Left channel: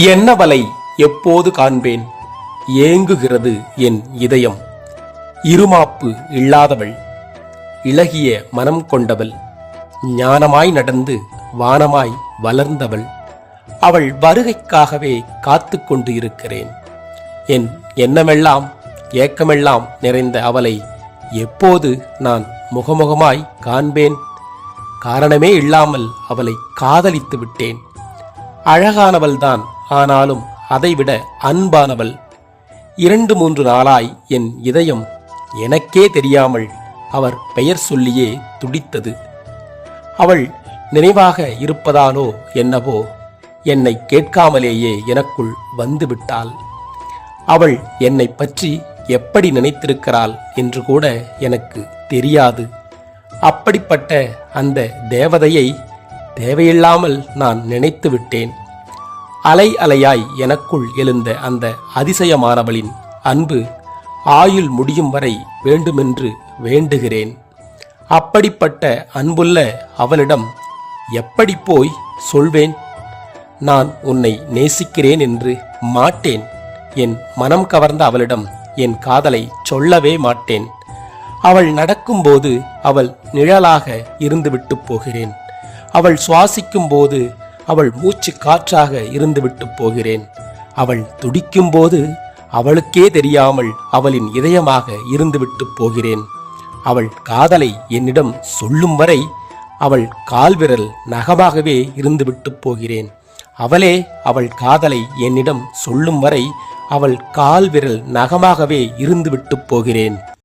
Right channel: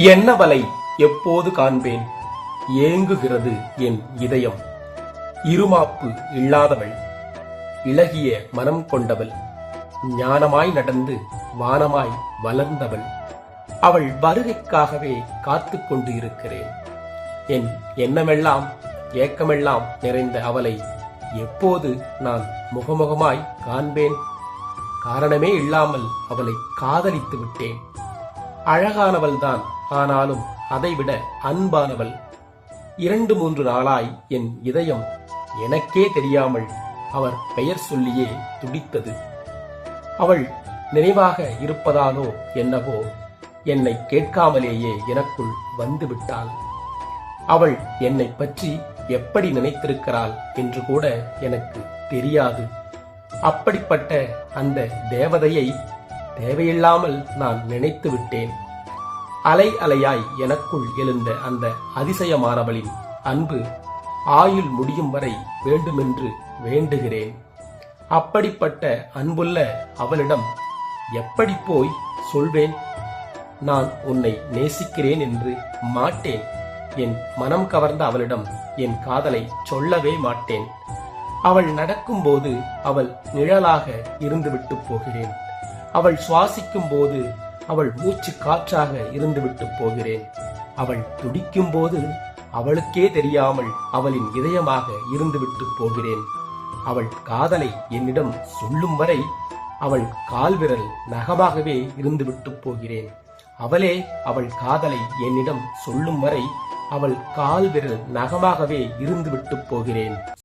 என்னவலை எப்போது காண்பேன்? ஏங்குகிறது என் இதயம். இருமாப்பு இல்லாதவள். இளகிய மனம் கொண்டவள். ஞானமாய் நடந்து வானமாய் வளர்ந்தவள். அவள் வருகைக்காகவே காத்து கொண்டு இருக்கிறேன். என் எண்ணமெல்லாம் ஏக்கமெல்லாம் நிறைந்த அவளை எப்போது நான் முகமுகமாய் காண்பேன்? காரணமே இல்லாமல் அவளை காதலித்து விட்டேன். அழகானவள்தான் ஆனாலும் அதைவிட அன்பானவள். இரண்டு மூன்று நாளாய் என் இதயம் எனக்கே தெரியாமல் அவர் பெயர் சொல்லியே துடித்தது. அவள் நினைவாக இருப்பதாலோ என்னவோ என்னை கேட்காமலேயே எனக்குள் வந்துவிட்டாள். அவள் என்னை பற்றி எப்படி நினைத்திருக்கிறாள் என்று கூட எனக்கு தெரியாது. அப்படிப்பட்ட அந்த தேவதையை தேவையில்லாமல் நான் நினைத்து விட்டேன் அலை அலையாய் எனக்குள் எழுந்த அந்த அதிசயமானவளின் அன்பு ஆயுள் முடியும் வரை வேண்டுமென்று வேண்டுகிறேன். அப்படிப்பட்ட அன்புள்ள அவனிடம் எப்படி போய் சொல்வேன்? நான் உன்னை நேசிக்கிறேன் என்று மாட்டேன். என் மனம் கவர்ந்த அவளிடம் என் காதலை சொல்லவே மாட்டேன். அவள் நடக்கும்போது அவள் நிழலாக இருந்துவிட்டு போகிறேன். அவள் சுவாசிக்கும் போது அவள் மூச்சு காற்றாக இருந்துவிட்டு போகிறேன். அவள் துடிக்கும் போது அவளுக்கே தெரியாமல் அவளின் இதயமாக இருந்துவிட்டு போகிறேன். அவள் காதலை என்னிடம் சொல்லும் வரை அவள் கால்விரல் நகமாகவே இருந்துவிட்டு போகிறேன். அவளே அவள் காதலை என்னிடம் சொல்லும் வரை அவள் கால்விரல் நகமாகவே இருந்துவிட்டு போகிறேன்.